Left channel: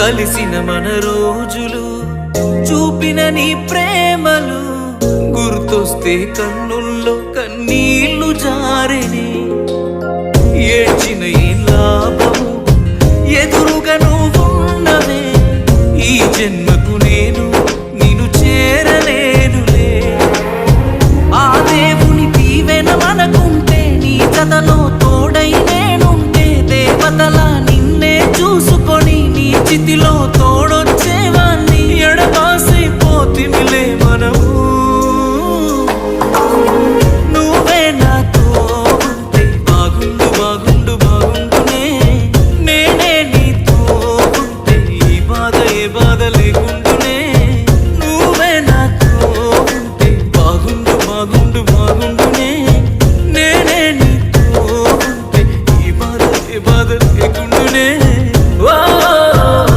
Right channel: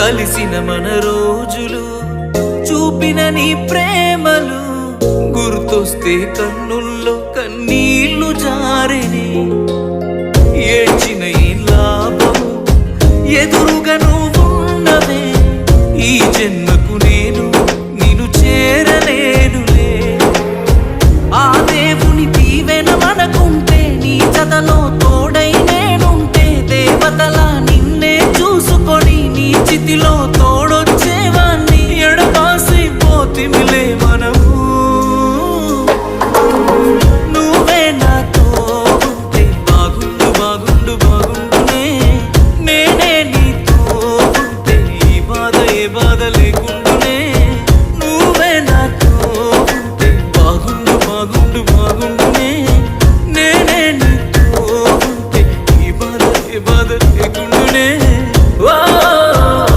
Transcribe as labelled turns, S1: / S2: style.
S1: కలిసిన మన రోజులు చూపిన నీ ప్రేమలు గుర్తొస్తే కన్నుల్లో కన్నీళ్ళు జారిని. ఏడ్చిన ఈ లాభము ఎదురుగా నువ్వున్నవే ఈ జన్మకు నేను నిన్ను చేరలేనులే. ఆ దేవుని దీవెన మనకుంటే నీ జతలో చితిలో తోడొచ్చేవాన్ని ఎడబాసి పోతిమిలే మనము. నువ్వే నాతో ఉంటే బాగుండు బాగుండు బాగుండునే. నేనే నీతో ఉంటే ఈ బాధ ఏ బాధ లేకుండునే. నువ్వే నాతో ఉంటే బాగుండు బాగుండు బాగుండునే. నేనే నీతో ఉంటే ఈ బాధ ఏ బాధ లేకుండునే.